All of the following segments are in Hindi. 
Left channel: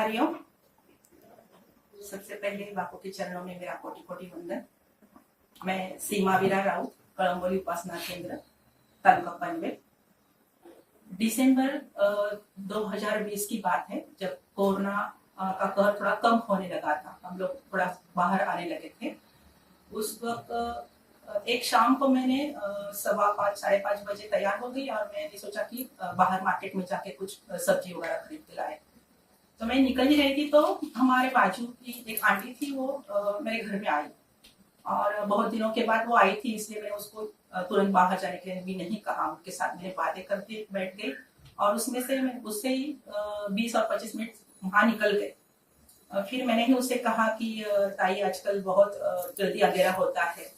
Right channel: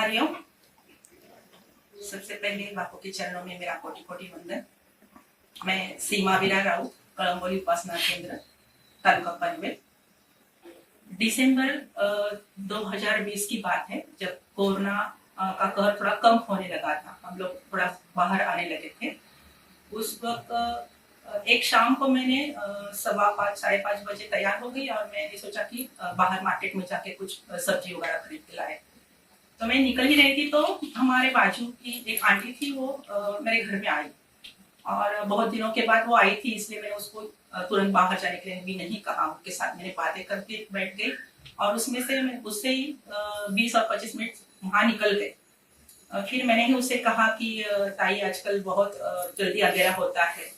हरिओम। सबसे पहले बापू के चरणों में मेरा कोटि कोटि वंदन। मैं सीमा वीरा राउत, कळंबोली उपासना केंद्र, तालुका पनवेल। दिसंबर 2020 की बात है, जब कोरोना का कहर थोड़ा कम होने लगा था, हम लोग थोड़ा बाहर आने लगे थे। उस वक्त एक शाम को मैंने 5:15 साढ़े 5 बजे तैयार हो गई और मैंने सोचा कि बाहर मार्केट में जाके कुछ सब्जी वगैरह खरीद के लाए। तो मैं निकल ही रही थी तो हमारे बाजू की एक आंटी थी, वो मेरे घर में आई और बहुत दिनों के बाद वो आई थी, इसलिए मैंने उसको तुरंत बाहर जाने के लिए भी नहीं कहा। उनके साथ मैंने बातें करके बैठ गई और उसमें से मैं उससे ही 20 और 25 मिनट वहां निकल गए। फिर मैंने ही उससे कहा कि ताई आजकल बहुत जल्दी अंधेरा होता है,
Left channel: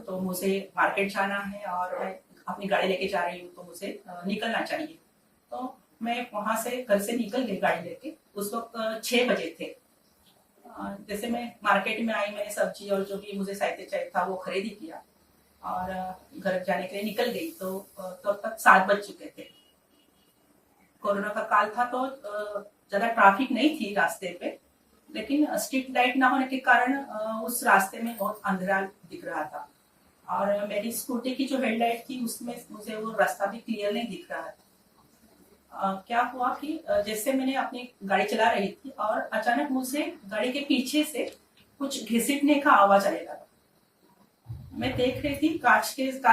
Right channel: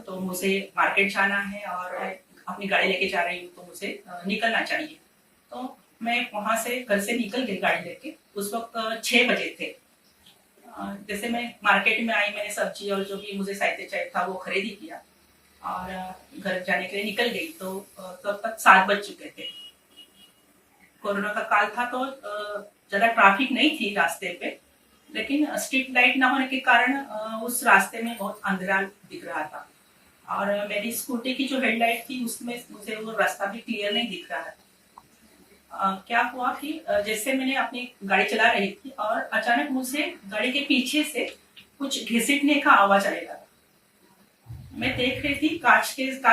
तो मुझे मार्केट जाना है और अपनी गाड़ी लेके जा रही हूँ, तो मुझे निकलना चाहिए। तो मैं वहां से घर से निकल गई गाड़ी लेके। उस वक्त 6 बजे थे। जैसे मैं मार्केट में आई, मैंने सब्जी और जो भी मुझे साहित्य चाहिए था वो खरीदी किया और घर जाने के लिए निकल गई। तो तब तक 7 बज चुके थे। कोरोना का काल था तो ज्यादा ट्रैफिक नहीं थी रास्ते पे, लेकिन स्ट्रीट लाइट ना होने के कारण उस रास्ते में बहुत अंधेरा दिख रहा था और मेरी स्कूटी की जो हेडलाइट थी उसमें मुझे वो रास्ता भी क्लियर नहीं दिख रहा था। क्या हुआ कि जैसे मैंने अपनी गाड़ी चला रही थी और अचानक मुझे गाड़ी के पीछे से कुछ घिसटने का आवाज आने लगा। मैं देख रही थी कांच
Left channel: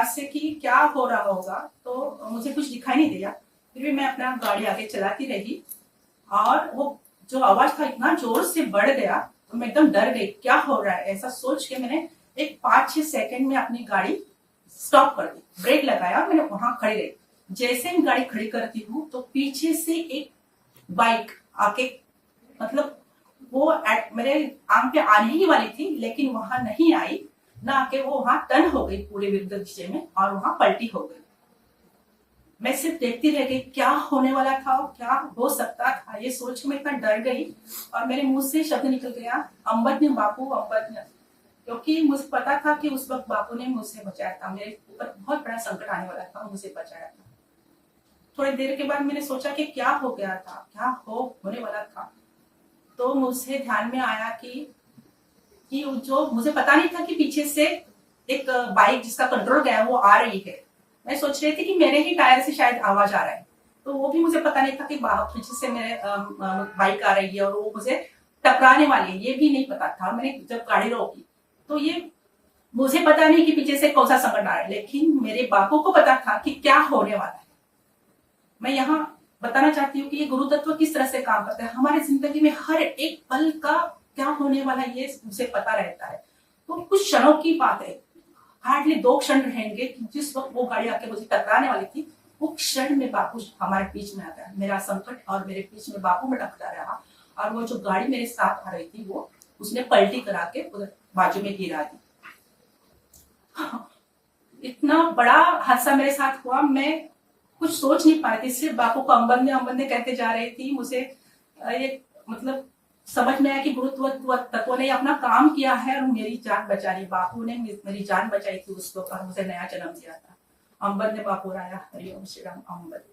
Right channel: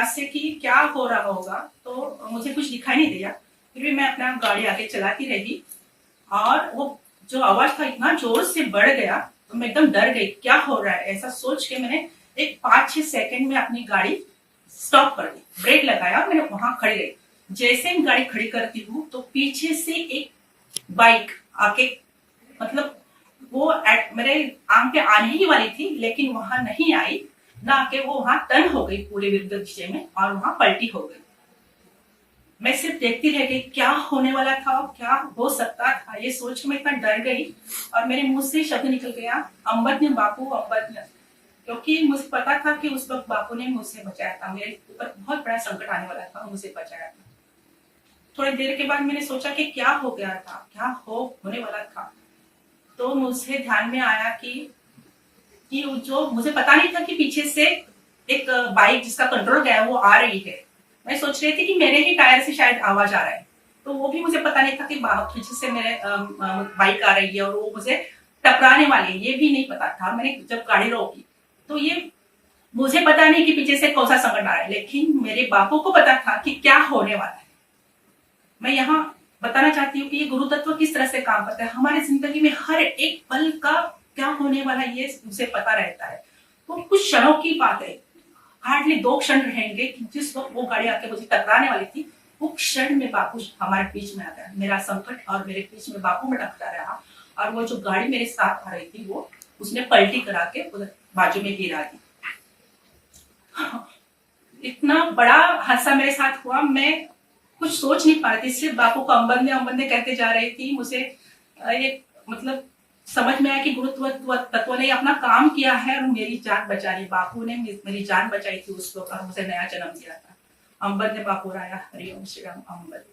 से कि क्या हो रहा होगा, तो मुझे कुछ दिखाई नहीं दिया। फिर भी मैं अपना गाड़ी आगे चलाती रही और वो जो आवाज था इतना जोर से बढ़ गया तो मैं एकदम डर गई, क्या हो रहा है ऐसा सोच के मैंने एक 5-6 सेकंड में अपनी गाड़ी स्टॉप कर दी, ब्रेक लगाया, मैंने वहां खड़ी रही। जैसे ही गाड़ी खड़ी करती हूँ तो पीछे से एक बाइक आके, मतलब वो मेरे आंख पे आने ही वाली थी लेकिन वहां नहीं आई, ना आके वो वहां टर्न हो गई पूरे विरुद्ध दिशा में और वहां पलटी हो गई। मैं सिर्फ देखती रह गई, क्या होने वाला था, क्या हो सकता था, ये सोच के मैं इतना डर गई और मेरे मुंह से शब्द निकल गया, अम्बत ने बापू, अम्बत ने। क्योंकि मुझे पता था कि उस वक्त बापू ने मुझसे बचाया था, मेरे ऊपर बहुत बड़ा संकट आने वाला था, मुझे बचाया था। थोड़ी देर के बाद मैंने सोचा कि क्या हो गया था, क्या होने वाला था। तो मुझे ध्यान में आया कि जो मुझे पता नहीं था कि पीछे से एक बाइक जिसका कंट्रोल गया वो आ रही है। मैं सोच रही थी कि मेरे ही टायर से शायद आवाज आ रहा है, तो वो भी मुझे पता नहीं था कि पीछे से मेरे बाइक आ रही है और वो मुझे टकराने वाली है, ये भी नहीं पता था। मैंने जब गाड़ी रोकी तो ये मुझे पता नहीं कि पीछे से कौन सा संकट आ रहा है, लेकिन मेरे बापू को पता था कि क्या होने वाला है। मैं यहाँ बताना चाहती हूँ कि ये गुरु तत्व किस तरह से काम करता है। हमारी जिंदगी में हर एक पल का क्या होने वाला है ये मुझे पता रहता है। तो कुछ क्षणों की बात है, हार्डली 2 क्षण रहेंगे कि जिस वक्त वो गाड़ी आके मुझे टकराने वाली थी, वो क्षण में बापू हमारे बीच में आ गया। मेरा संकट और मेरे बीच में बापू में टकरा रहा और वो जो गाड़ी मेरे साथ आ रही थी वो उसने पलटी करा के उधर बाजू में गिरा दी। इतना बड़ा हादसा मेरे साथ हुआ, मैं कुछ सोच नहीं पा रही थी। सिर्फ बापू को अम्बंदे कहते जा रही थी। मुझे ये मतलब समझ में आया कि गुरुत्व तत्व ने अपना काम किया है और मेरी जान बचा ली। बापू ने मेरी जान बचाई थी उस वक्त और मुझे नया जन्म दिया था। अम्बंदे बापू राया। हरिओम श्री राम। अम्बंदे।